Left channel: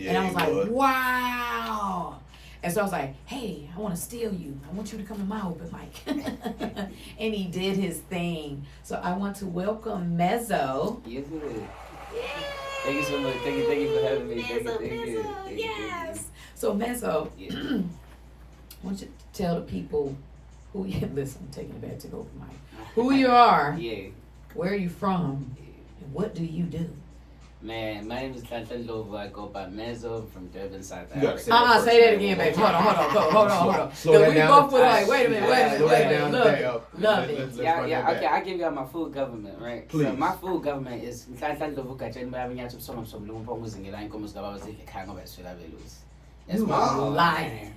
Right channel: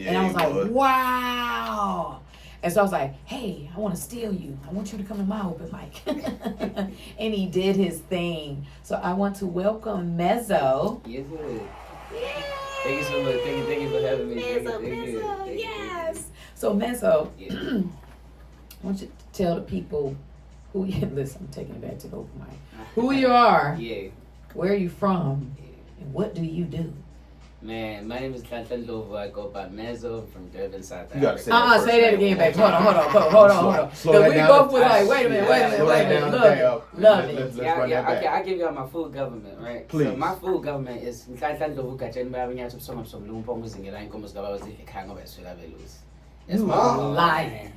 And I was like, wow. And so I was like, hey, I want to steal you. I want you to come to my open mic. And he did his thing. So I want to welcome Mezo. Yes, sir. Yay! Thank you so much. Thank you for having me. Mezo, yes. So Mezo, I want you to tell the people who you, listen, I'm taking it back to the open mic. Who you are, where are you from, and what do you do? Man, my name is Tantan Lovo. I go by Mezo from Durban, South You gotta Africa. Say that again, baby. Hold on. So we both was like, wait a minute. Love it. Yeah, okay, I'll give you all my full government, right? Please. So my full government is Tantan Lovo Kachan Mabinya to some Lumpong in the line comes Gavas if you hang over Sulavellus. You lying.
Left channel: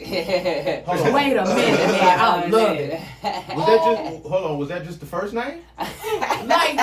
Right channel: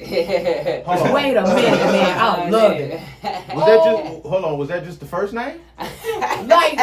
Yeah. Wait a minute, man. I love it. Was that just the first name? like,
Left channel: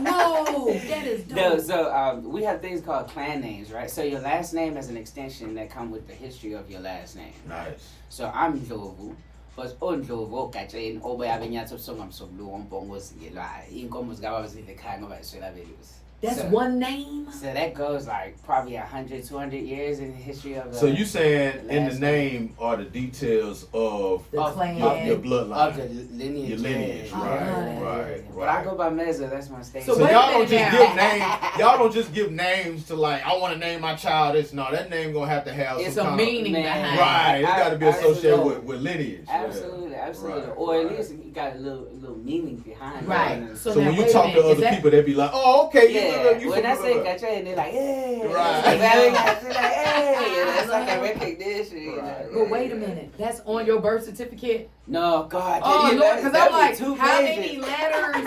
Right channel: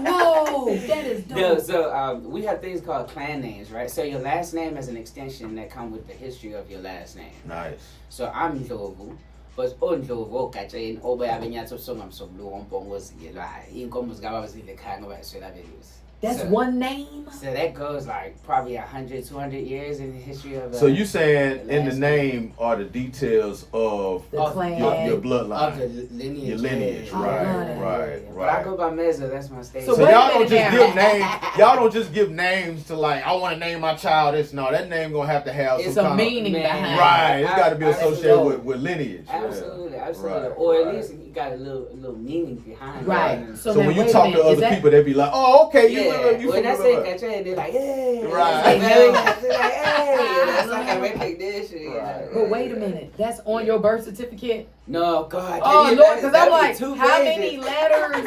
no. That is dope. No, so we have things called clan names, right? So your last name is an extension that come with the history of your last name. Nice. So I'm Ndlovu. But Ndlovu Kachan Obe Abinya to some Lumpong was in Comus Gavas if you hang over Sulavellus. That's one name? So that goes like probably 100, 200 years in the history of So you saying in the name are the details of the clan, your bloodline, of the lineage. Your lineage, right. But I go by Mezo, that's my stage. So y'all don't just give names. Y'all don't just give names to like I want to name my child this. No, that name gonna have to have it's some a kind meaning behind it. Right, it's got to be associated with lineage. Absolutely. Right, or at least you got a little meaning behind it. Right. So when you talk to other people, they be like, "Oh, okay, you when I say Kacha, they're like, "Hey," right? It's like a recognition. But wait a minute, that's on your birth certificate? No, God. Oh Lord, because I'm like, how many letters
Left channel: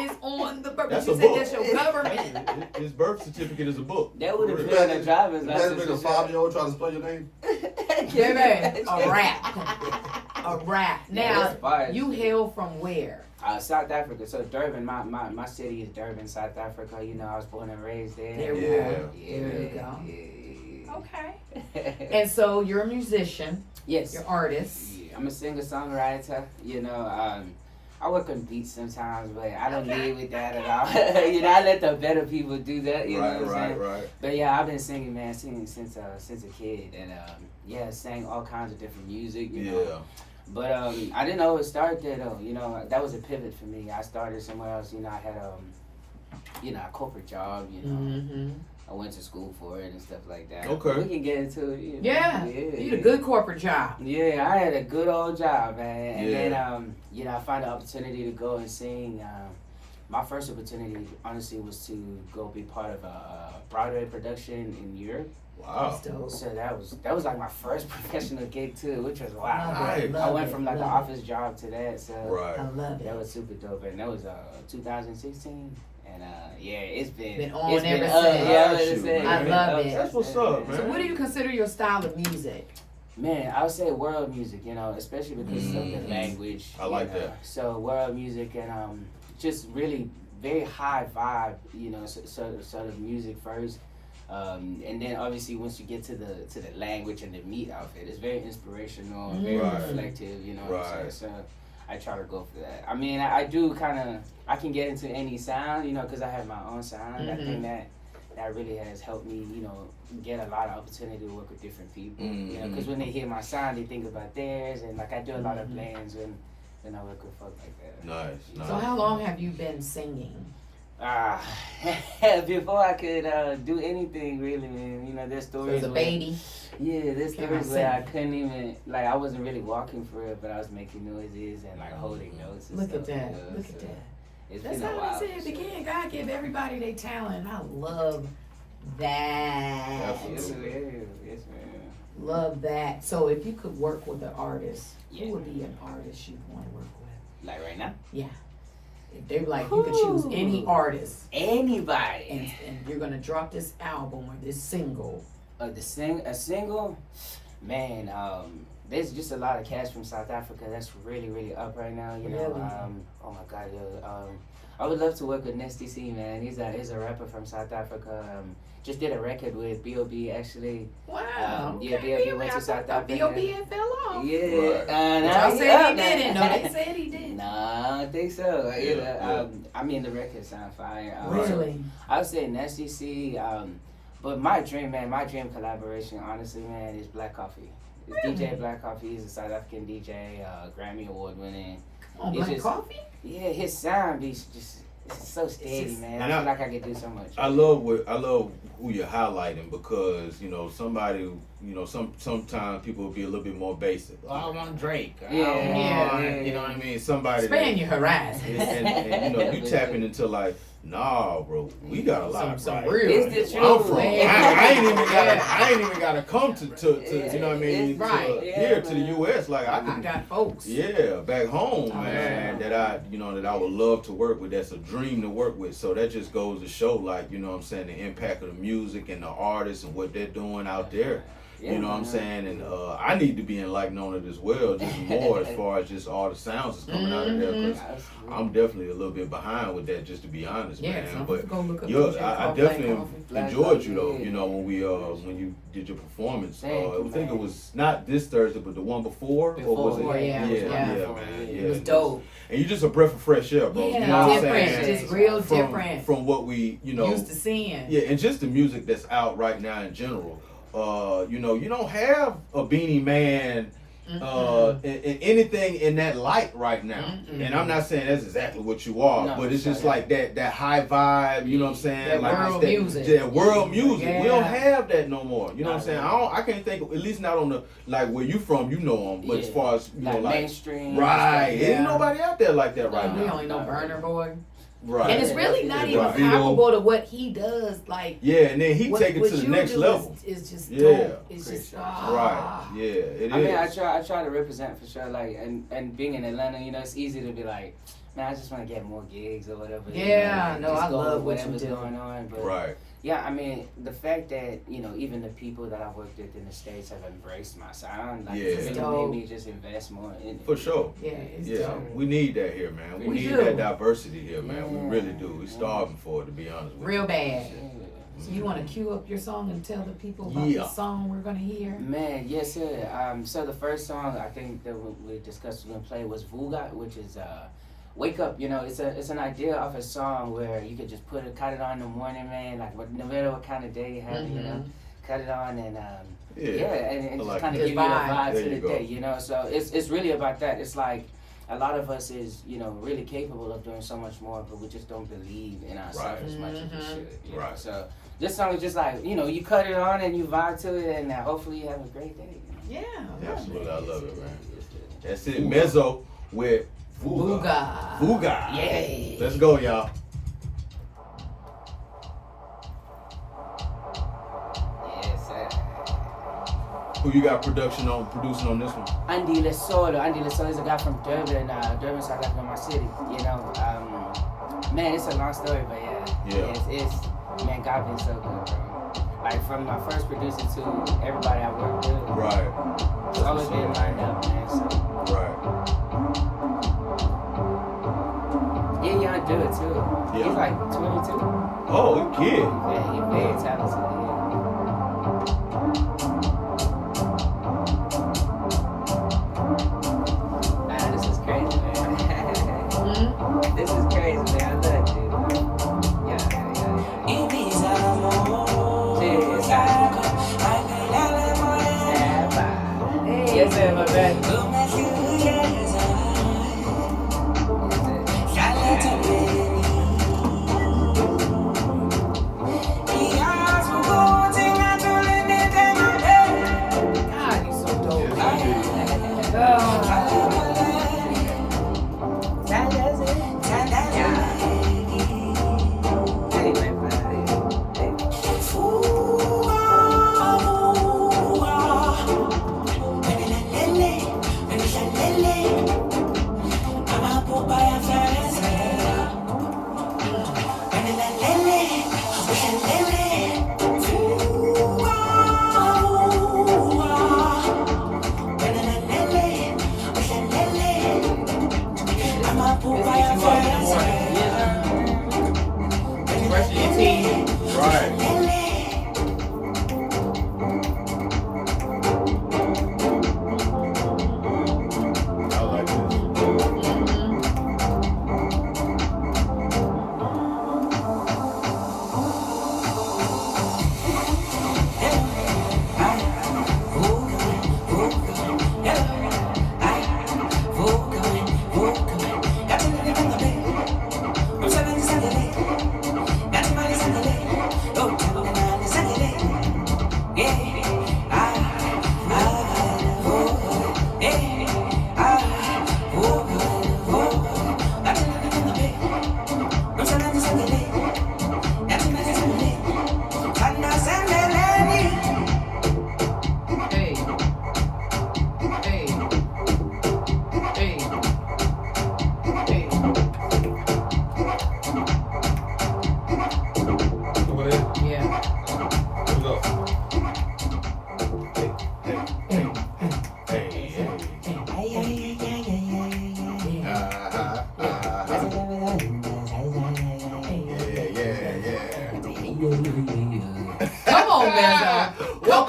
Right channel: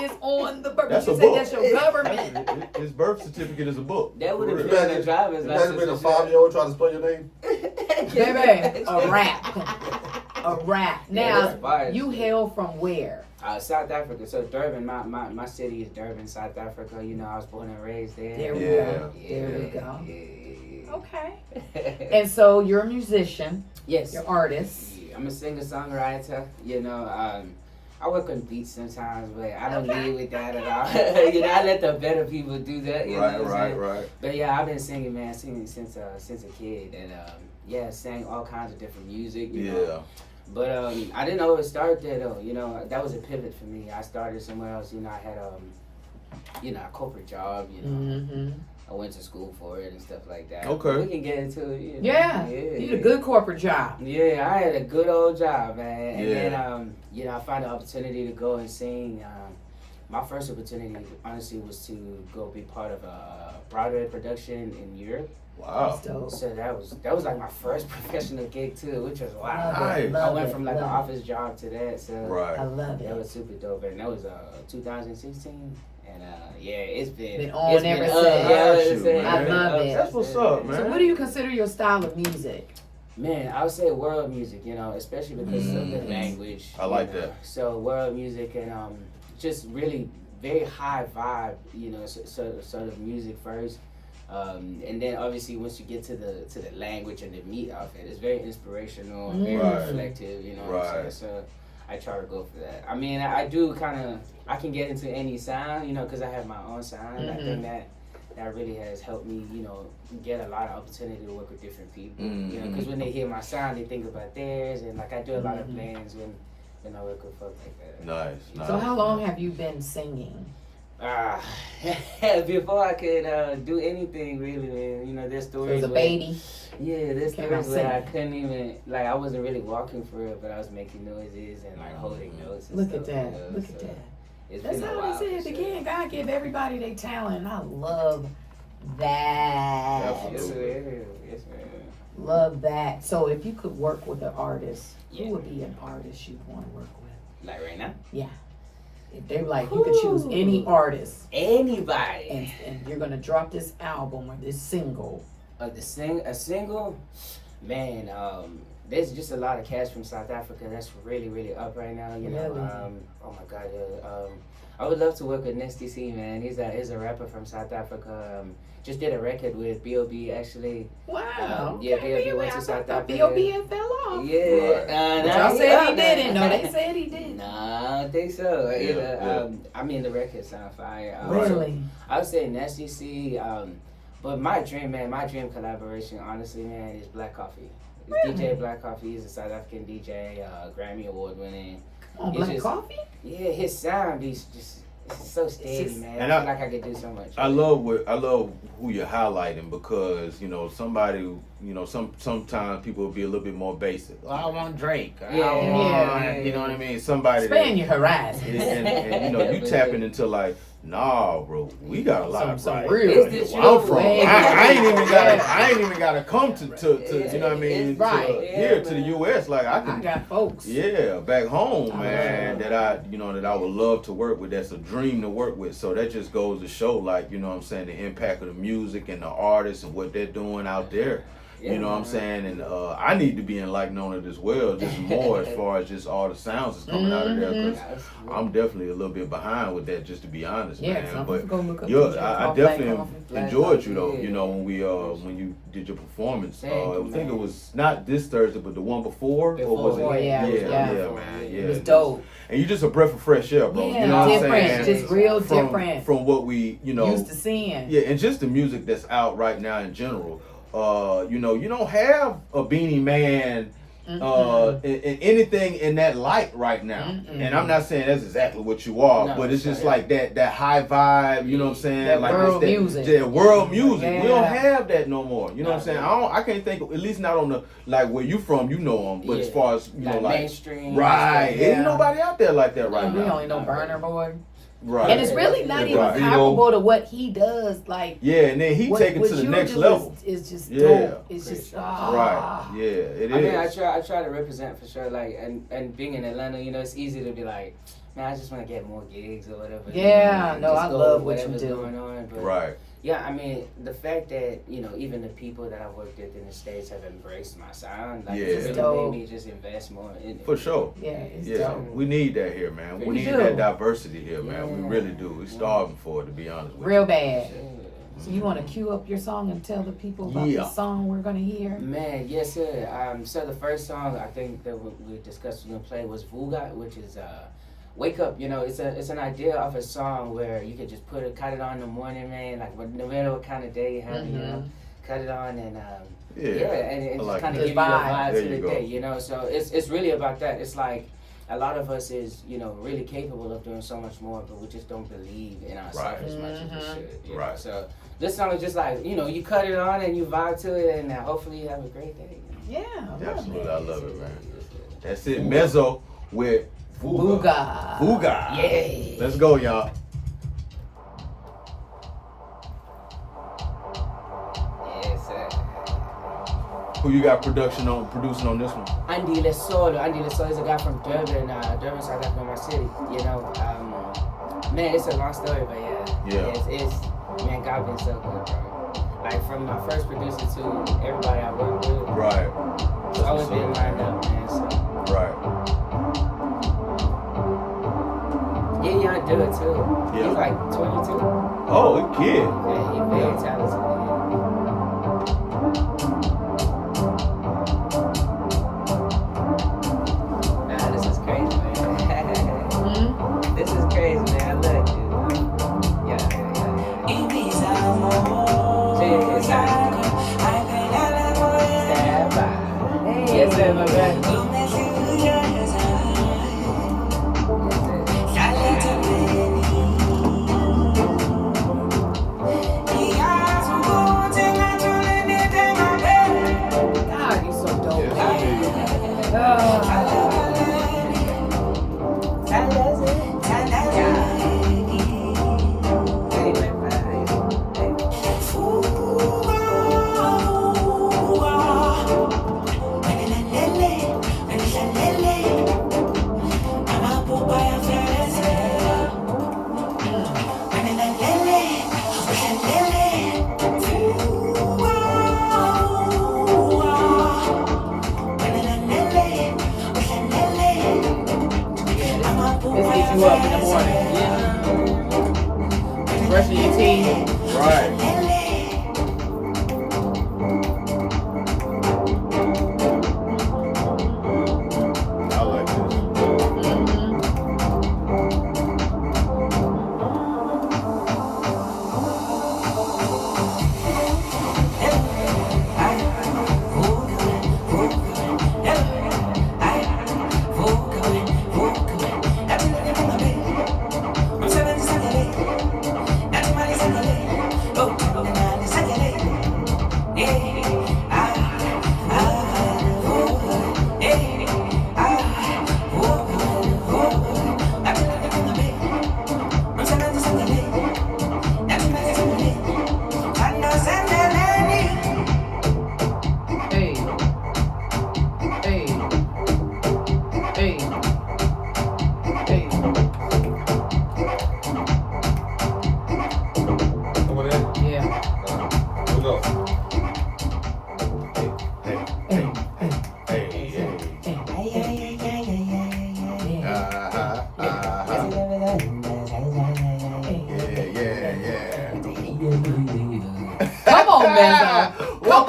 is on the birth? You say that's your government. His birth certificate is a book. That would have been a driver's license. Imagine being a 5-year-old trying to spell your name. Baby, a rap. Now, you hail from where? South Africa. So Durban, my city is Durban, South Africa. You know, I was born and raised there. There we go. There we go. Yeah. Okay. And so you're a musician. Yes. You're an artist. Yeah, I'm a singer-songwriter. You know, I work on beats sometimes, but I don't lead with that at all. You know, I let the better people do that. You know what I'm saying? Right. But yeah, I've been singing, man, since a kid, and sang all kinds of different music. You know? But I didn't always start there though. You know, that was a pivot for me. I started somewhere else. You know, I had a corporate job. You know, I went to school for it and stuff like that. Okay, we can get into it. You know? Yeah, you had a good corporate job. Yeah, I had a good old job, man. And then you know, I found an opportunity to go and sing. My first opportunity, honestly, was to go be part of a Broadway production in Europe. Wow. So that was like my first professional gig too, which was wild. Nice. I went from like an office job to that. So I love it. That was super dope. And that was 2016. And it's been on it's ever since. I love it. That's what's up, man. So what do you consider your style of music? Man, I would say world music, you know, especially because of the language. I like that. So world music and just really very high vibe, you know, sort of music first. And then obviously once you get to the language and the meat of it, it's very inspirational and very reflective, you know what I'm saying? So I try to go for that. I mean, I do I can get into any sound, you know, because I have my own sound. I think that really has helped me, you know, get a lot of opportunity to work with different people. You know, because when they hear my sound, they think about theirs, and like I do a lot of blends when I work with folks like that. Nice. So how long have you been singing? Before I could do anything really, man. You know, there's stories. As a baby. Yeah, there's stories where I couldn't even I wasn't really walking for it, but I was making noises and like holding notes. And Look stuff, at that. you know, Look so at that. That's how I said it began. God give everybody their talent. I love that. Absolutely. Yes, man. Love that. So if you could work with an artist, who would be an artist you'd want to work with? Like right now? Yeah. If they were like, you could choose any artist. Anybody. And you're going to drop this album or this single. A single? Man, there's just a lot of cats from South Africa that's really, really up right now. You know, oh my God, I would love to work with Nesty C, man. He's a rapper from South Africa. Just did a record with B.O.B. actually. Wow. Yeah, B.O.B. went to South Africa. B.O.B. and fell off. Yeah. But y'all said he didn't. No, they said he didn't. Nah, I don't think so. I mean, the record sound fire. Really? I would say Nesty C. But my dream collaboration, honestly, man, is Black Coffee. It's DJ Black Coffee. He's a South African DJ, Grammy Award winning. Come on, Black Coffee? Yeah, his sound is just it's so steady, man. I feel like I could do so much. I love who you're highlighting because somebody sometimes people will be a little bit more basic. Well, I want Drake. Yeah. You know what I mean? Somebody expand your horizon. And you tapping into like. Nah, bro, we got a lot some of real. I'm from. I ain't even gotta come to you know what I mean? Right. Here to the U.S. Like I got folks. Yeah, back home, man. That I would love to work with. That's a dream to work with. So that just goes to show, like, you know what I'm saying, the impact of the music and the artists and what they're doing out there. You know what I'm saying? And I need to be enlightened on it as well, just more as far as just all the sounds that's coming out of there. 'Cause I'm definitely a little bit behind with that, just to be honest, man. But I definitely enjoyed you though. You know, when you did your performance. I think it was not this Thursday, but the one before. Or was it? Yeah, man. It was dope. And you just a breath of fresh air, bro. Yeah, you know different, what I'm saying? just real different from what we used to seeing. Yeah, and just the music that's out right now in general. You don't have a Beanie Man anything in that light right now. And I'm not saying that's exactly what you are, but it's just like that high vibe, you know what I'm saying? That like world music. That world music. Yeah. We don't have that no more. You know what I'm saying? I can't think of, at least not on the, like where you from, you know them, but as far as, you know, like mainstream. Right. Ain't nobody out there like that right now. We only know Burner Boy. Right. And it's really not even comparable to what he does. Like, yeah, and then he take it to the next level. It's just dope. It's just right. Yeah, it is. I mean, I try to represent for sure. Like, and being in Atlanta, you know, it's easy to be like, man, I just want to get more gigs or whatever. Yeah, you know, I love what you do. Going on, but right. Yeah, I mean, the fact that, you know, even the people that I've worked with in the States have embraced my sound, like, it's really made me just invest more in it. For sure. Yeah, it's dope. We need that here, man. We need that diversity here, man. We really do. We're starving for it, to be honest with you. Real bad. So you want to cue up your song and tell the people about the song we're going to hear? Man, yes, sir. So the first song I think that we discussed we're going to play was Vuga, which is... Wake Up, you know, it's an idea of a song where you could just cut it on in the morning, man, like no matter what kind of day you have, you know, cut it on and and just kind of give you the vibe to the day, you know. So it's really about that. It's like a lot of us is, you know, really capable of doing so much more, but we just don't believe in ourselves as much as we should. You know? So this song is just like, you know, you cut it on and you vibe to it, and hopefully you have a great day. You know? Yeah, absolutely, I love it, man. That's it, Mezo with Vuga. Yay. Let's go, y'all. Yes, sir. Who you got producing on this one? Andy Lesolo is a guy from Durban, South Africa, my city. You know, man, it's a long story, but it's man, God been so good, bro. Like from my first producer to everybody I worked with. Right. It's always been lined up, man. So. Right. Yeah, I do it too. Yeah. He's like 22. Oh, a kid. Yeah, he's very talented. Nah, this is crazy, man. This is crazy, man. I love it, dude. Yeah. Yes, sir, my bad.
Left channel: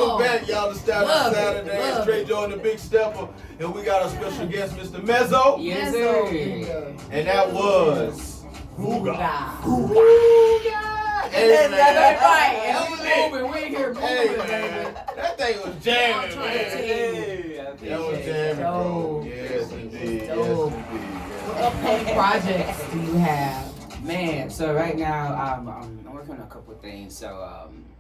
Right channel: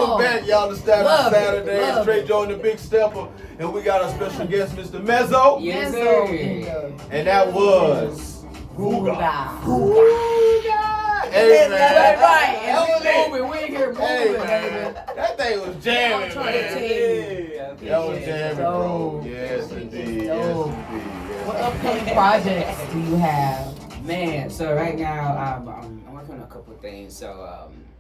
Welcome back, y'all, to Love it, Saturday. love Straight it. Joe and the Big Stepper. And we got our special guest, Mr. Mezo. Yes, Mezo. sir. And that was Googa. Hey, man. That's right. That And was we it. moving. We here Hey, moving, baby. man. That thing was I'm jamming, trying to man. tell you. That was jamming, bro. Dope. Yes, indeed. Yes, Dope. indeed. What upcoming projects do you have? Man, so right now I'm working on a couple of things. So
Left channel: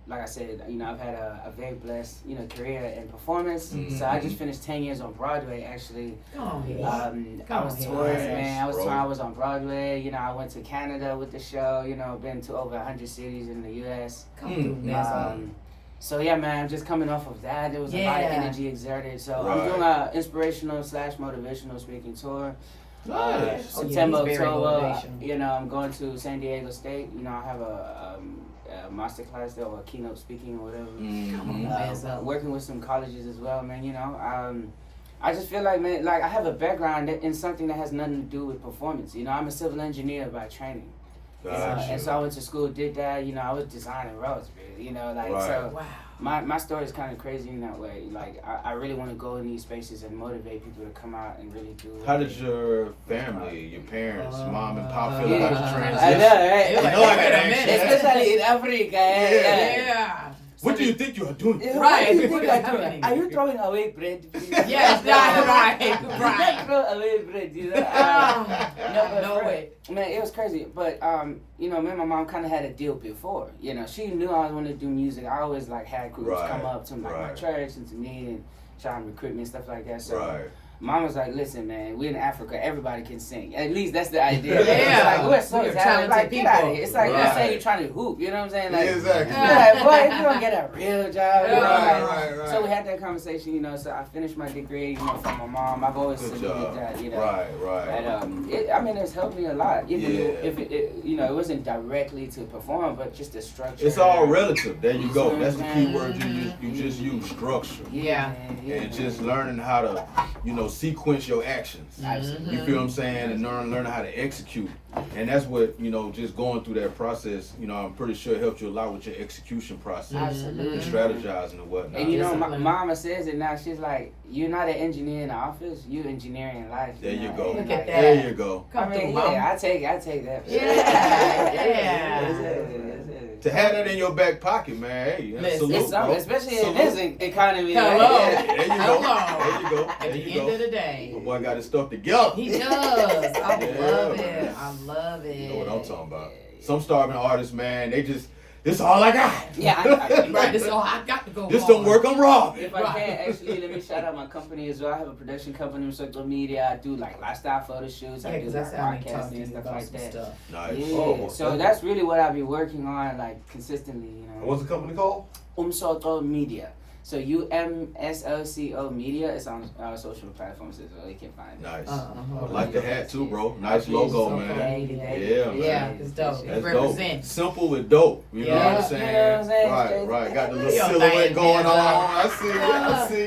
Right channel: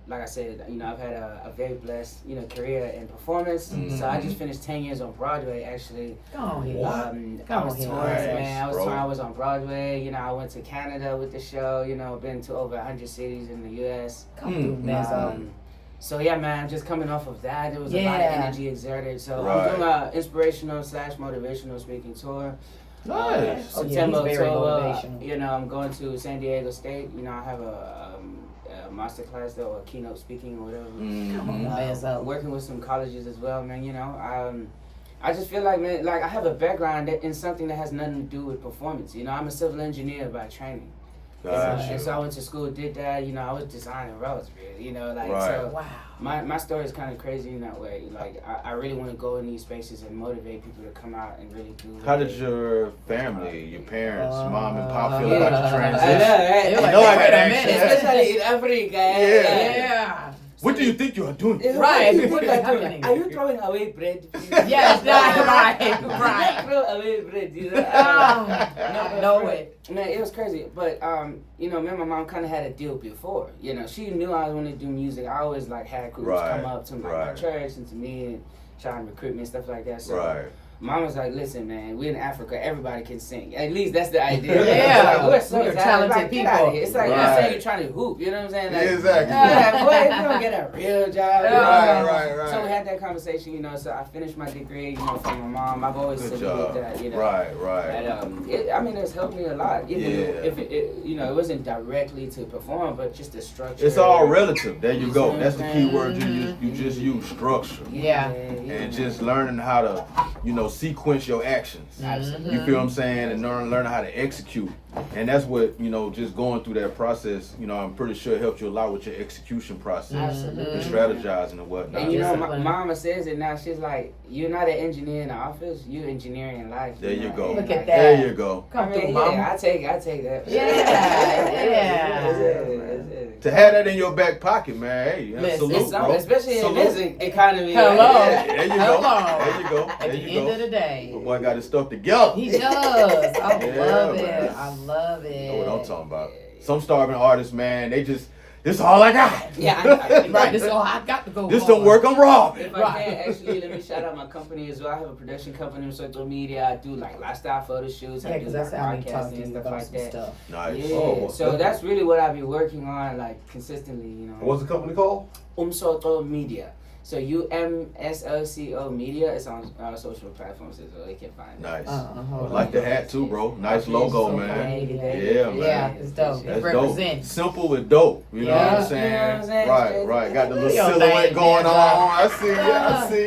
like I said, I've had a very blessed, career in performance. Mhm. So I just finished 10 years on Broadway, actually. Go on here. I was Come on, touring, man. man. I was Bro. touring. I was on Broadway. I went to Canada with the show. Been to over 100 cities in the U.S. Come through, Mezo. So yeah, man, I'm just coming off of that. There was a lot of Yeah. energy exerted. So Right. I'm doing a inspirational / motivational speaking tour. Nice. Oh, yeah, September, he's very October. motivational. I'm going to San Diego State. I have a master class there or a keynote speaking or whatever. Come on, Mezo. Working with some colleges as well, man. I just feel like, man, like I have a background in something that has nothing to do with performance. I'm a civil engineer by training. Gotcha. And so I went to school, did that. I was designing roads, really. Right. So Wow. my story is kind of crazy in that way. Like I really want to go in these spaces and motivate people to come out and really do. How did your family, your parents, mom and pop feel Yeah. about the I transition? know, right? You're like, know I wait got a action. minute. Especially in Africa. Yeah. What do you think you are doing? Right. What What's happening? Are you throwing away bread? Yes, right, Do not right. throw away bread. Know it. Man, it was crazy. But me and my mom kind of had a deal before. She knew I wanted to do music. I always had groups Right, come up to my right. church and to me and trying to recruit me and stuff like that. So Right. Mom was like, "Listen, man, we're in Africa. Everybody can sing. At least that's the idea." Yeah. It's like, we're so We're talented talented Get out of people. here. It's like you're Right. saying you're trying to hoop. You know what I'm saying? Like, Exactly. yeah, boy, if you don't get a real job. Right. So we had that conversation, so I finished my degree, from my mom. I've always Good saluted job. that, Right. And it's helped me a lot. Even Yeah. if it wasn't directly to perform, but just the structure. It's all relative. There you go. That's the key word you just use, structure. Yeah. And just learning how to, sequence your actions. Absolutely. You feel what I'm saying? And learning how to execute. And that's what, just going through that process, I'm pretty sure it helped you a lot with your execution process. Absolutely. And strategizing and whatnot. And my Discipline. mama says it now. She's like, "You're not an engineer in the office. You're engineering life." There you go. Look at that. There you go. Come through, mom. I take that. Yeah. That's it. To have that in your back pocket, man, hey, Listen, salute, It's something, bro. especially in Salute. this economy. Hello. Like, There you go. Hello. There you go. At There the you end go. of the day. The boy got his stuff together. He does. I Yeah, love it. man. I love You know it. what I'm talking about. Some starving artists, man, they just, this is all I got. Yeah, Right, this is all I got to go This on. don't work, I'm robbing. If I can, actually, let me shout out my company as well. I have a production company in social media. I do lifestyle photo shoots. Yeah, I do because that's how we podcasting talk to and you stuff about like some that. stuff. Nice. Yeah, Oh, so that's really what I've been working on, consistently. What's the company called? Umsoto Media. So UMSOCO Media. It's on social platforms as well. You can find it. Nice. Uh-huh. I like the hat too, bro. Nice Okay, logo, so man. cool. Yeah, man. Yeah, it's dope. That's It dope. represents. Simple with dope. You know what Yeah. I'm saying? You know what I'm saying? Right. Got the little Your silhouette thing, going man. on. I see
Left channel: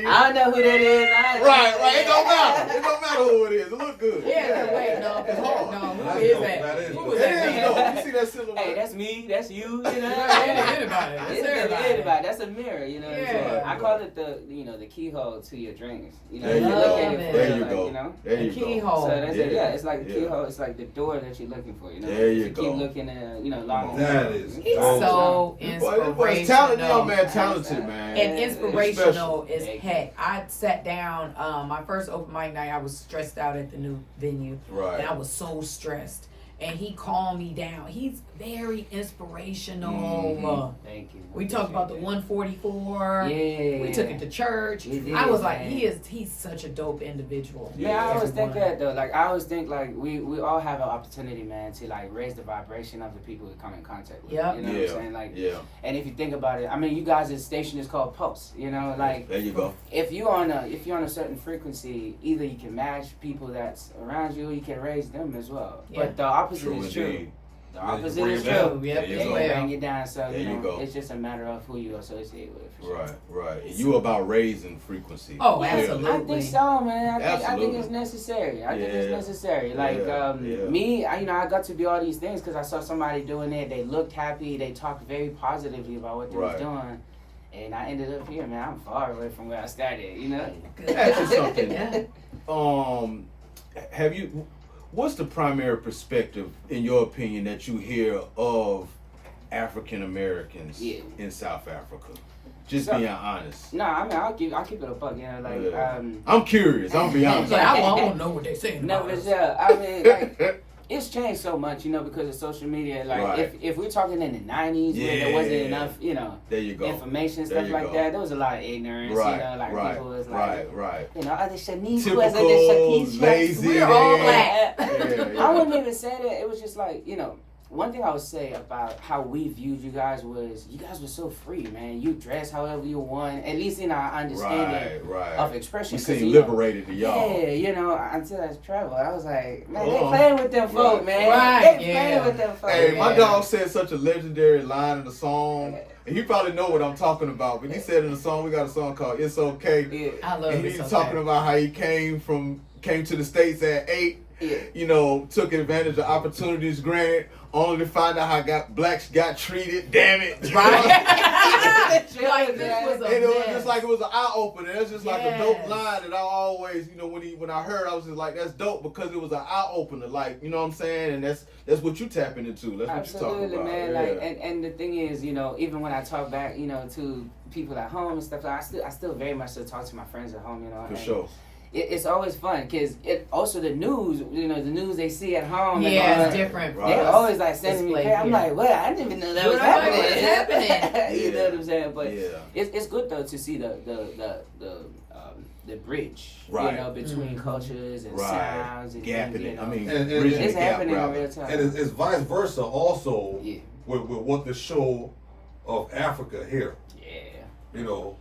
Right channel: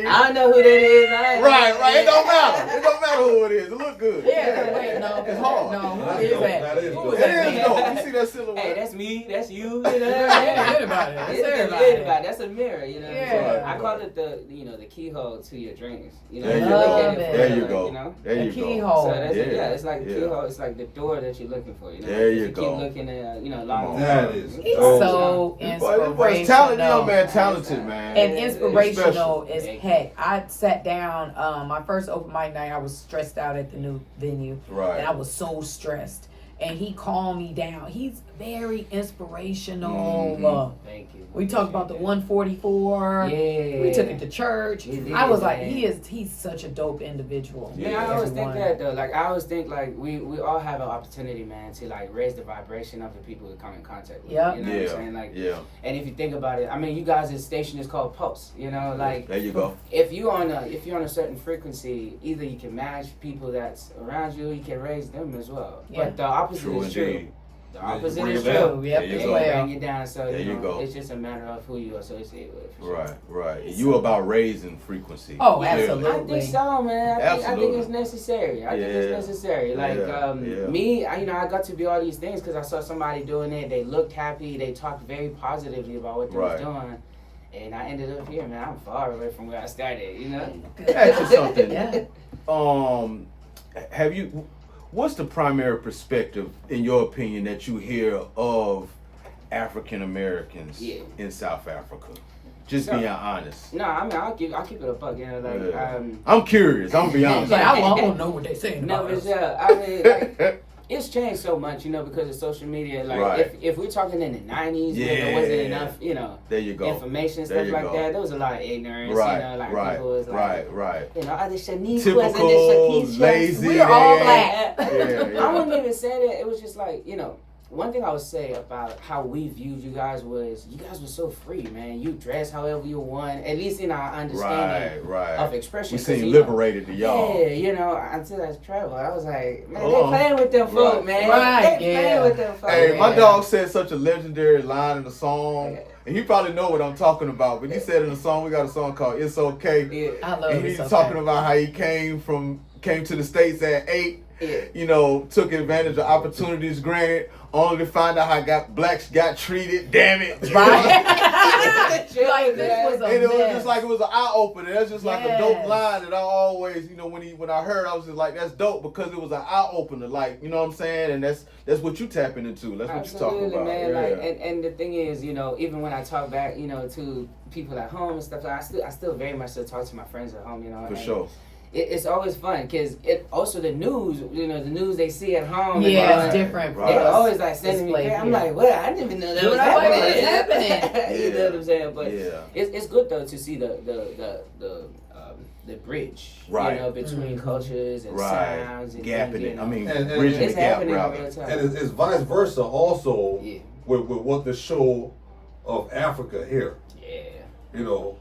you. I don't know who that is. Right. It don't matter. It don't matter who it is. It look good. Yeah, wait, no, It's hard. no, who That's is dope. that? That is Who dope. is It that? is man? dope. You see that silhouette? Hey, that's me. That's you. Anybody. That's It's everybody. That's a mirror. You know. Yeah. I call it the keyhole to your dreams. There you you go. look at it for There it, you like, go. There The you go. keyhole. So that's it. Yeah. Yeah, it's like the Yeah. keyhole. It's like the door that you're looking for. There if you you go. keep looking at long That term. is He's dope. so This talented young inspirational. man, talented man. And It's inspirational special. as heck. I sat down, my first open mic night, I was stressed out at the new venue. Right. And I was so stressed. And he calmed me down. He's very inspirational. Mhm. Thank you. We talked about the 144. Yeah. We took it to church. We did, I was like, man. he's such a dope individual. Yeah, I always think Everyone. that though. I always think we all have an opportunity, man, to raise the vibration of the people we come in contact with. Yep. You know what I'm saying? Yeah. And if you think about it, I mean, you guys' station is called Pulse. There you go. If you're on a certain frequency, either you can match people that's around you, you can raise them as well. Yeah. But the opposite True is true. indeed. The opposite Bring is it back. true. Yep, There you as go. well. Bring you down. So There you go. it's just a matter of who you associate with. For sure. Right. And you about raising frequency. Oh, Clearly. absolutely. I think so, man. I think Absolutely. it's necessary. I think it's Yeah. necessary. Yeah. Me, I got to do all these things because I saw somebody doing it. They looked happy. They talked very positively about what they Right. was doing. And I ended up here, man. I'm far away from where I started, you know? Ask you something. Yeah. What's the primary perspective, in your opinion, that you hear of African Americans in South Africa? Just being honest. No, I mean, I'll keep it a buck, you know, like, I'm curious, I'm be honest. I want to know what they're saying No, about but us. yeah, I mean, like, it's changed so much, you know, because of social media. Like, Right. if we're talking in the 90s, where there wasn't enough, you know, there you go. information, stuff like that, there was a lot of ignorance, you know, like people was like, you know, are they Shaniquas, typical, lazy. We're all black. I wouldn't even say that. It was just like, you know, one thing I would say about how we viewed you guys was you guys were so free, man. You dress however you want, at least in our understanding of expression. You seem liberated to y'all. Yeah, you know, until I traveled, I was like, man, they playing with them folk, man. Right, They playing with them folk. Hey, my dog said such a legendary line in the song, and you probably know what I'm talking about. But he said in the song, we got a song called "It's Okay." Yeah. I love and it. he's talking about how he came to the States at 8. Yeah. You know, took advantage of opportunities granted, only to find out how blacks got treated. Damn it! Right? Like, this was a And it was mess. just like it was an eye opener. That's just like a dope line that I always, you know, when I heard, I was just like, that's dope because it was an eye opener. Like, you know what I'm saying? And that's what you tapping into. That's what you talking about. Man. Yeah. Like, and the thing is, you know, even when I talk back, you know, to people at home and stuff, like I still very much still talk to my friends at home, you know. For sure. It's always fun because it also the news, you know, the news they see at home. Yeah, it's different. They're always like sending me. I'm like, well, I didn't even know that was happening. What is happening? You know what I'm saying? But Yeah. it's good though to see the bridge, Right. you know, between cultures and sounds and gapping things, you it. know. I mean, And bridging it's the gap, happening in rather. real time. And it's vice versa also Yeah. with what the show of Africa here. Yeah. You know,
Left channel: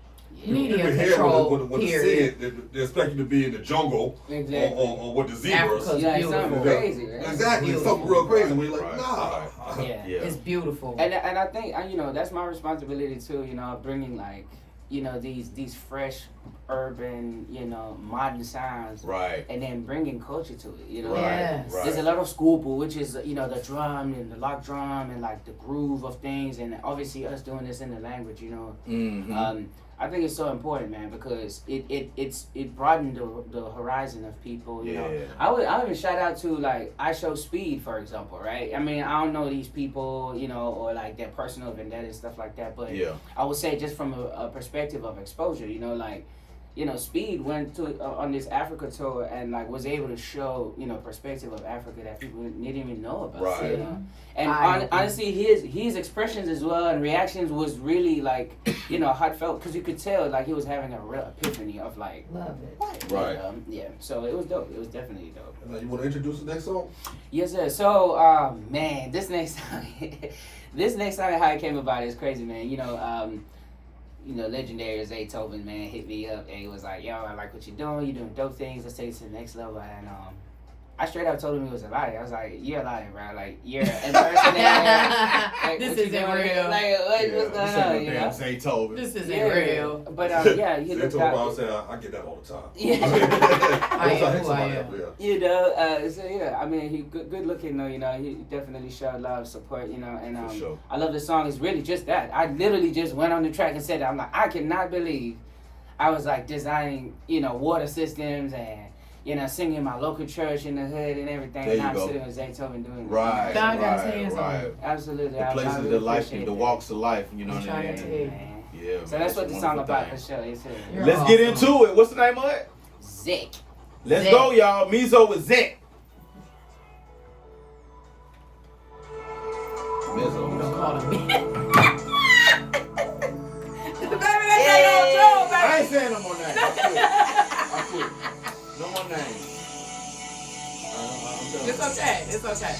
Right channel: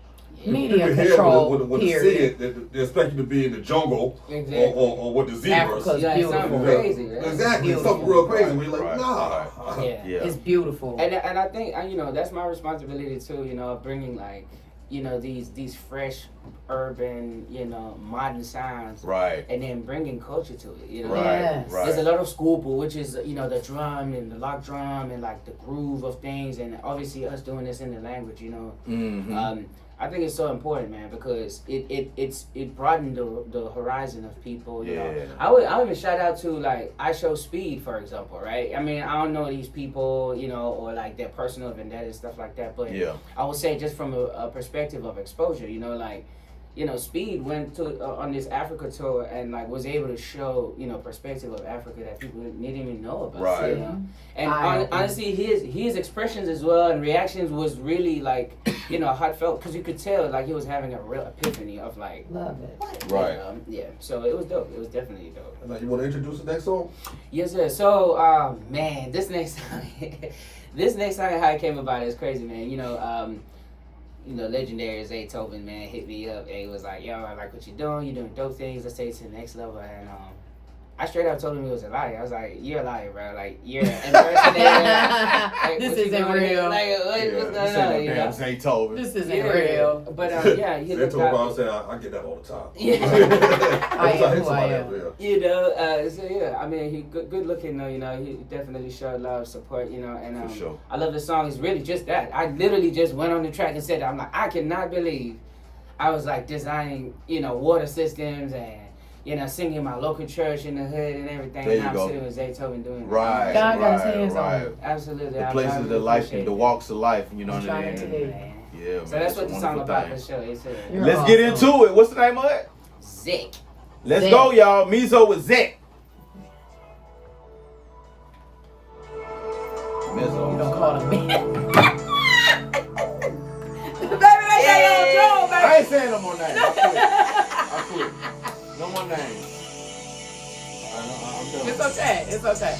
Media people here control, with the period. Sid, they expect you to be in the jungle Exactly. or with the zebras. Africa's Like beautiful. something crazy, man. Exactly, Beautiful. something real crazy. We're like, Right, nah. Yeah. Yeah. It's beautiful. And I think you know that's my responsibility too. You know, bringing like you know these fresh, urban, you know, modern sounds, Right. and then bringing culture to it. You know, Right. Yes. Right. there's a lot of schoolboy, which is you know the drum and the lock drum and like the groove of things, and obviously us doing this in the language. You know, Mm-hmm. I think it's so important, man, because it broadened the horizon of people. You know, Yeah. I would even shout out to like I Show Speed, for example, right? I mean, I don't know these people, you know, or like their personal vendetta and stuff like that, but Yeah. I would say just from a perspective of exposure, you know, like. You know, Speed went to on this Africa tour and like was able to show perspective of Africa that people didn't even know about. Right. You know? And Eye-opening. honestly, his expressions as well and reactions was really like heartfelt because you could tell like he was having a real epiphany of like Love it. Right. yeah. So it was dope. It was definitely dope. Now, you want to introduce the next song? Yes, sir. So man, this next song, how it came about is crazy, man. Legendary Zaytoven, man, hit me up and he was like, yo, I like what you're doing dope things, let's take it to the next level. And I straight up told him he was a liar. I was like, you're a liar, bro. Like, you're an impersonator. Like, This what you isn't doing? real. Like, what's going on, you know? Zaytoven. This isn't Yeah. real. But, yeah, you They look talk about out. saying, I get that all the time. Yeah. I am who I am. You know, so yeah, I mean, he good looking though, you know, he definitely showed love, support, you know, and For sure. I love the song. It's really just that. I literally just went on the track and said, I'm like, I cannot believe I was like designing, water systems and, singing my local church in the hood and everything. There And you I'm go. sitting with Zaytoven doing Right. that. God got his right, hands on right. it. Absolutely. The I places really of life, appreciate the that. walks of life, you know I'm what I trying mean? to tell you. Man. Yeah, man. So that's what a the song wonderful about thing. for sure. It's You're Let's awesome. get into it. What's the name of it? Zick. Let's Zek. go, y'all. Mezo with Zek. You Mezo. don't call him man. Baby, that's that little Joe, baby. I ain't saying no more names. I quit. No more names. I'm It's okay. It's okay.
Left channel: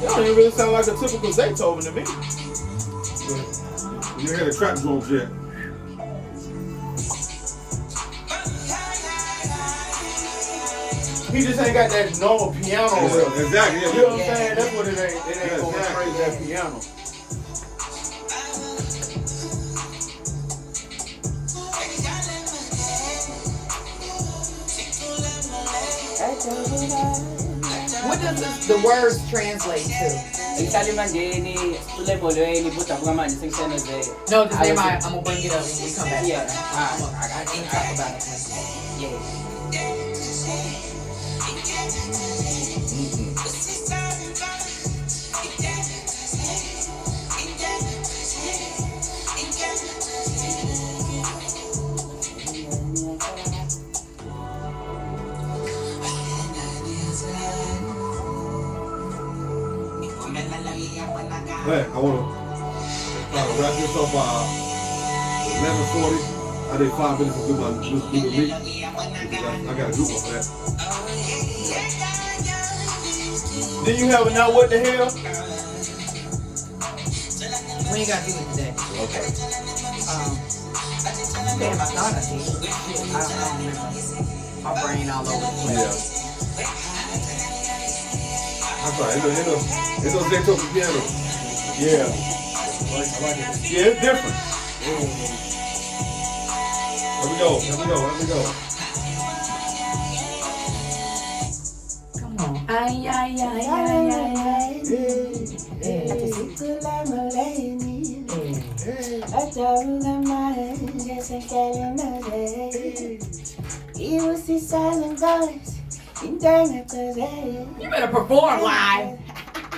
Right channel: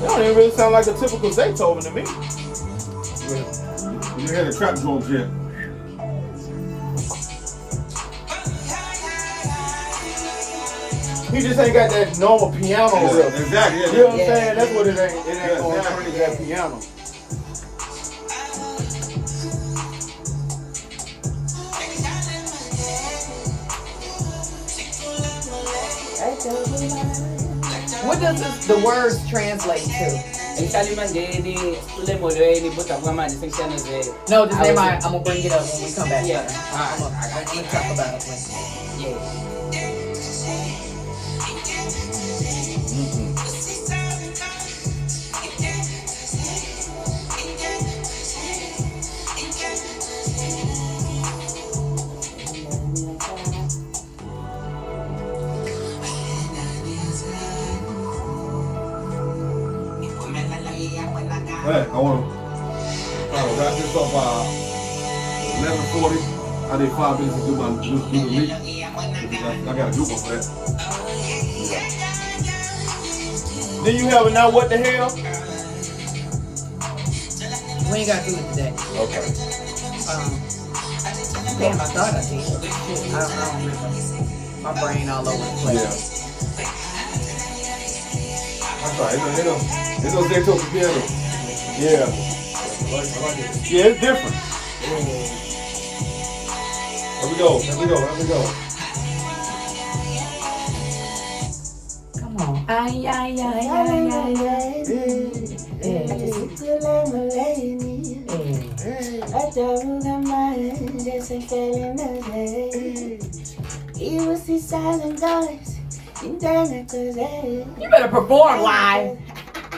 That don't even really sound like a typical Zaytoven to me. You hear the trap drums yet? He just ain't got that normal piano. Yeah, exactly. You know what I'm Yeah. saying? That's what it ain't. It ain't Yeah, going exactly. straight that piano. What does the words translate to? Ngihlala eMandeni, uLemolweni, budabukamanje sengiseneze. No, just name I'm gonna bring it up when we come back. Yeah. I'm gonna talk about it. Yeah. Hey, I want to wrap this up by 11:40. I did 5 minutes to do the meet. I got a group for that. Then you have a now what the hell? When you got food today? Okay. Damn, I thought I did. Shit, I don't remember. My brain all over the place. Yeah. I'm sorry. It's gonna take till the piano. Yeah. I like it. Yeah, it's different. Let me go. Come on. Ay, ay, ay, ay, ay, ay. You better perform live.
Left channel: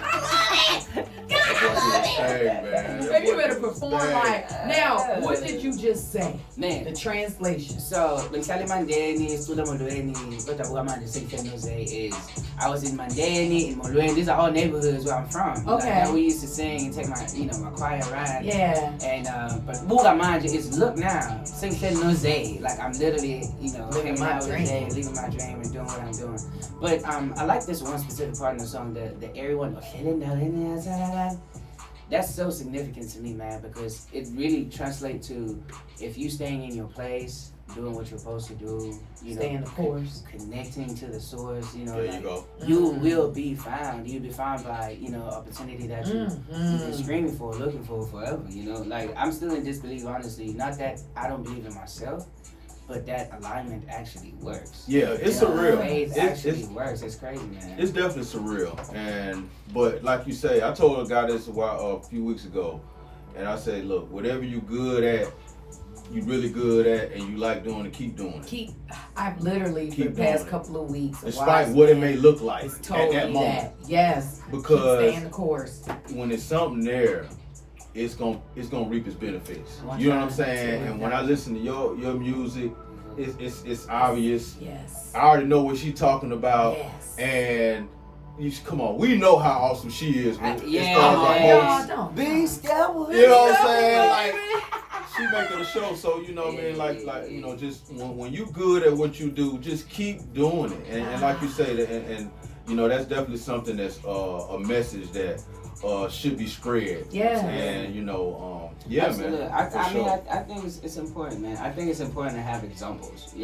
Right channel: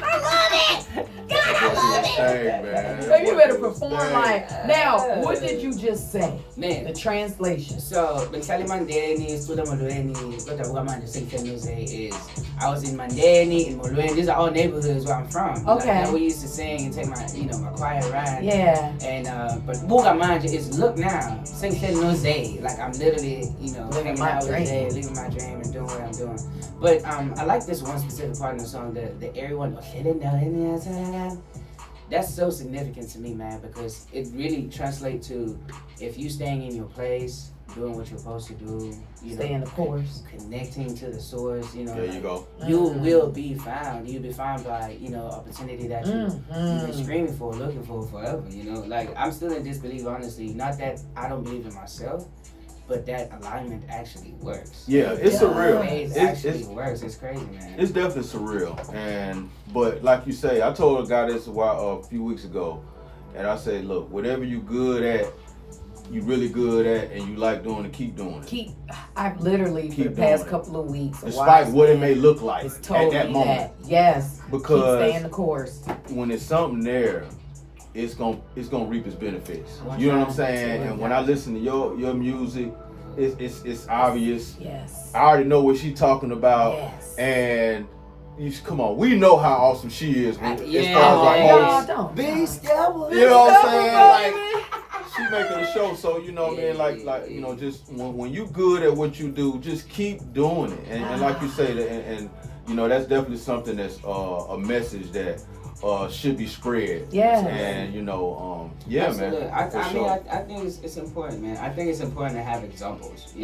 I love it. God, I love it. Hey, man. Baby, you better perform live. Now, what did you just say? Man. The translation. So, ngihlala eMandeni, sicula eMolweni, budabukamanje sengiseneze is I was in Mandeni, in Molweni. These are all neighborhoods where I'm from. Okay. Like, we used to sing and take my, my choir ride. Yeah. And but Bugamanje is look now, sengiseneze. Like I'm literally, Living hanging my out with dream. Jay, living my dream and doing what I'm doing. But I like this one specific part in the song, the everyone. That's so significant to me, man, because it really translates to if you staying in your place, doing what you're supposed to do, Stay in the course. connecting to the source, There you go. you will be found. You'll be found by, opportunity that you've been screaming for, looking for forever, Like, I'm still in disbelief, honestly. Not that I don't believe in myself, but that alignment actually works. Yeah, it's surreal. It actually works. It's crazy, man. It's definitely surreal. But like you say, I told a guy this a few weeks ago, and I say, look, whatever you good at, you really good at, and you like doing it, keep doing it. I've literally for the past couple of weeks, despite what it may look like it's told at that me moment. Yes, Because keep staying the course. When it's something there, it's gonna reap its benefits. You know what I'm saying? And when I listen to your music, it's obvious. Yes. I already know what she's talking about. Yes. And come on, we know how awesome she is. Don't. You know what I'm saying? Like, she making a show, so man, just when you good at what you do, just keep doing it. And like you say, and that's definitely something that's a message that should be spread. Yeah. And Absolutely. man. I think it's important, man. I think it's important to have examples,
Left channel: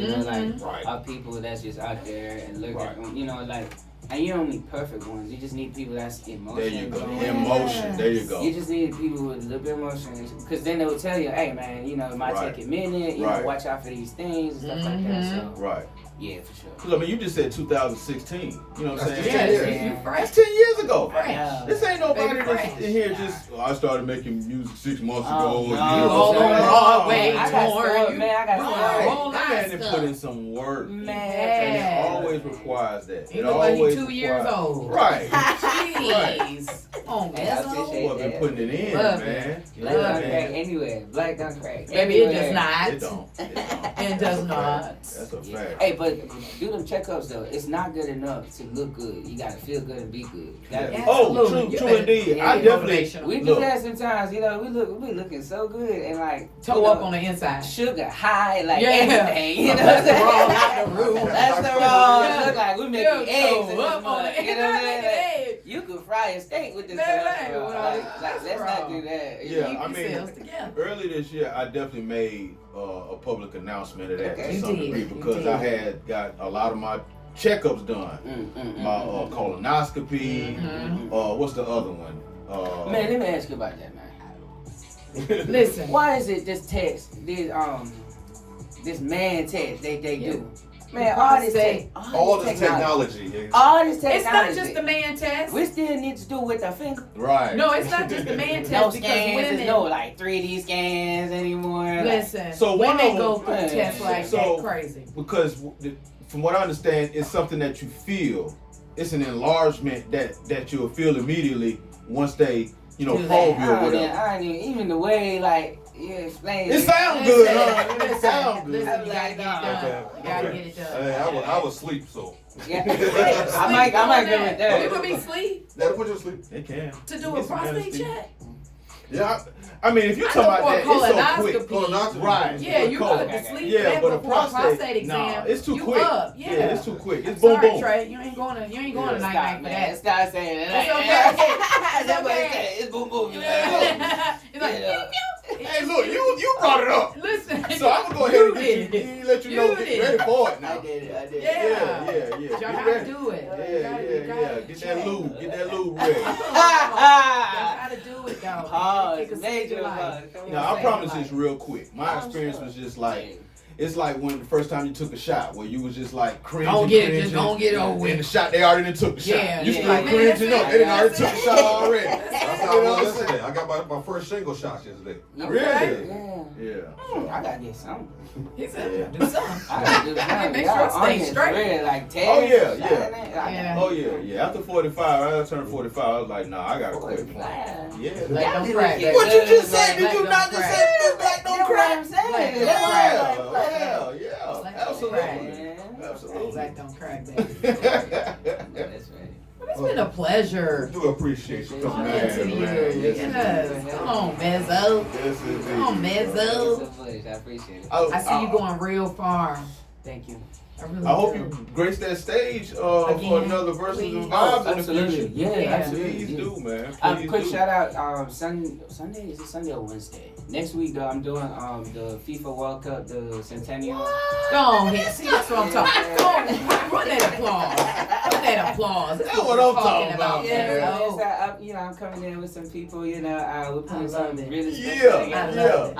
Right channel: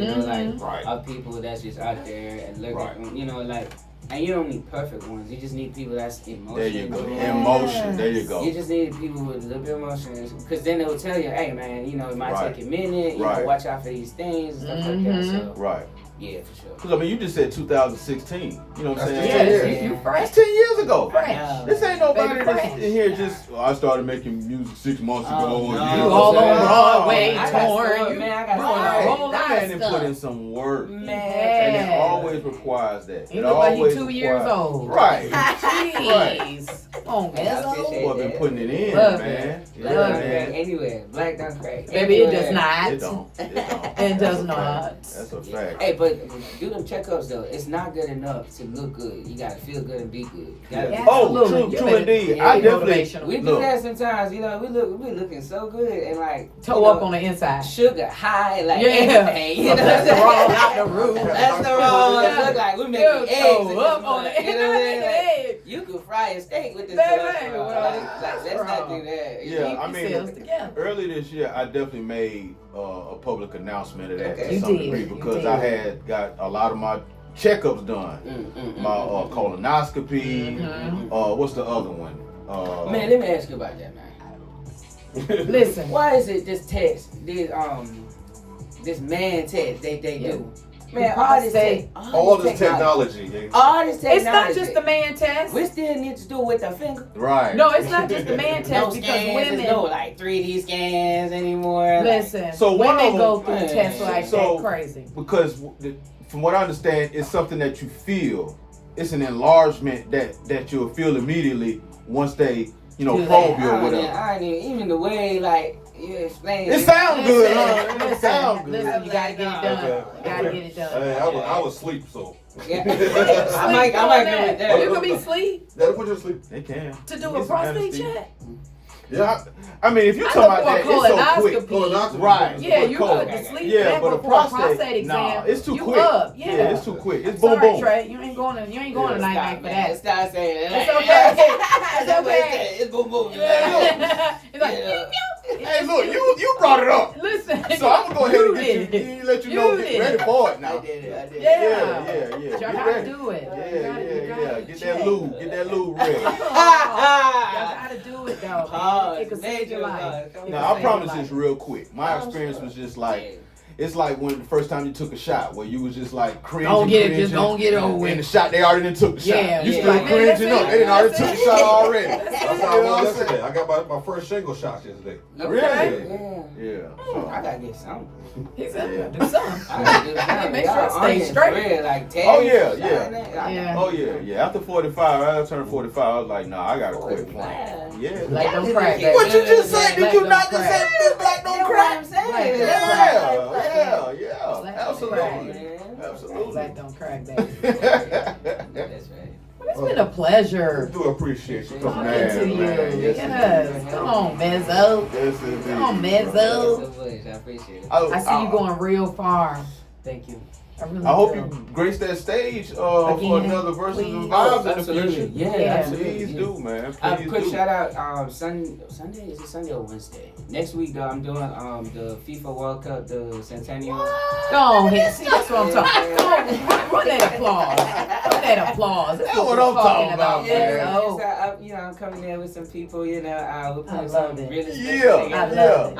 of people that's just out there and look at them, and you don't need perfect ones. You just need people that's emotional. There you go. Emotion. There you go. You just need people with a little bit of emotion, because then they will tell you, hey, man, it might take a minute. Watch out for these things and stuff like that. So, right. Yeah, for sure. Because you just said 2016. You know what I'm saying? Yeah, you fresh. That's 10 years ago. Fresh. This ain't nobody Baby, that's in here just. I started making music 6 months ago. No. You all on Broadway, I got torn. stuff, man. I got No, stuff. whole lot of and stuff. put in some work. Man. And it always requires that. You look like you're 2 years old. Right. Jeez. Come on, That's Mezo. what been putting it in, Love man. Black don't crack anywhere. Black don't crack. Baby, it does not. It don't. It does not. That's a fact. Hey, but do them checkups though. It's not good enough to look good. You gotta feel good and be good. You gotta Yeah. be- Oh, Absolutely. true indeed. I definitely. We do Look. that sometimes. We be looking so good and like Toe up on the inside. sugar high, like Yeah. everything. You know what I'm That's the wrong saying? out the room. That's the wrong. Look like we making eggs. Toe in this up on mug, the you know what I'm saying? Like, inside. you could fry a steak with this That's stuff. right. bro. Well, Like, that's let's not wrong. do that. Yeah, Keep I mean, yourselves together. early this year, I definitely made a public announcement of that Okay. to You some did. degree You because did. I had got a lot of my checkups done. My colonoscopy. What's the other one? Man, let me ask you about that, man. Listen. Why is it this test, this man test they do? Man, all this technology. Yeah. All this technology. It's not just the man test. We still need to do it with the finger. Right. No, it's not just the man No test because scans, women. no like 3D scans anymore. Listen, So one women of go them- through tests like so- that crazy. Because from what I understand, it's something that you feel. It's an enlargement that you'll feel immediately once they, Do probe that. you or whatever. I ain't even the way like you explain It sounds good. Listen, It sounds good. listen, you gotta Like, get it nah. done. You gotta get it done. Hey, I was asleep, so. Yeah. I might go with that. You could be asleep That'll put you to sleep. They can. to do a Get some prostate anesthesia. check. Yeah. I mean, if you're I talking know about for a that, it's so quick. colonoscopy. Right. Yeah, you Cold. put to sleep. Yeah, man, but a before a prostate nah, exam. it's too you quick. Up. Yeah. It's too quick. It's boom Sorry, boom. Trey. You ain't going to Yeah. night night for that. Stop saying it. It's okay. It's okay. okay. It's boom boom. It's like, Yeah. Hey, look, you brought it up. listen. So I'm gonna go ahead and did it. let you know, get did ready it. for it now. I did it. Yeah. Yeah. Y'all Get gotta ready. do it. Yeah. You Get gotta that lube. Get that lube ready. Y'all gotta do it though. Pause. It could save your Major life. pause. It could Now I save promise your it's life. real quick. My experience was just like, it's like when the first time you took a shot, where you was just like cringing. Don't get it, just cringing, don't get it over And with. the shot, they already done took the shot. Yeah, You yeah. still Like, man, cringing that's up. it. They done already That's took it. the shot already. That's how I was yesterday. I got my first shingle shot yesterday. Really? Yeah. I gotta get something. He said, "Yeah, do something." I gotta do I something. make sure it Y'all stays onions straight. real, like Oh, yeah, Teddy, yeah. Yeah. Oh yeah. After 45, I turned 45. I was like, nah, I gotta quit playing. Yeah. Black don't Y'all crack, did baby. What you just say? Black Did you don't not just crack. say black don't That's what crack? I'm saying. Black don't Yeah. Black don't Absolutely. crack. Absolutely. Black don't crack, baby. That's right. It's been a pleasure I do appreciate you coming talking to you. Yes, Yes. Come on, Mezo. Yes, indeed. Come on, Mezo. I appreciate it. I see you going real far. Thank you. I really I hope do. you grace that stage for Again, another versus please. and vibes in the Absolutely. future. Yeah, Yeah. absolutely. Please Yeah. do, man. Please Quick do. shout out, Sunday, is it Sunday or Wednesday? Next week, though, I'm doing the FIFA World Cup, the Centennial. Go on here. See, that's what I'm talking. Come on, run that applause. Run that applause. That's what what we're I'm talking talking about. about, Yeah, Mezo. so I'm coming there with some people, we're I putting love some it. really special Yeah, together. I love yeah. it.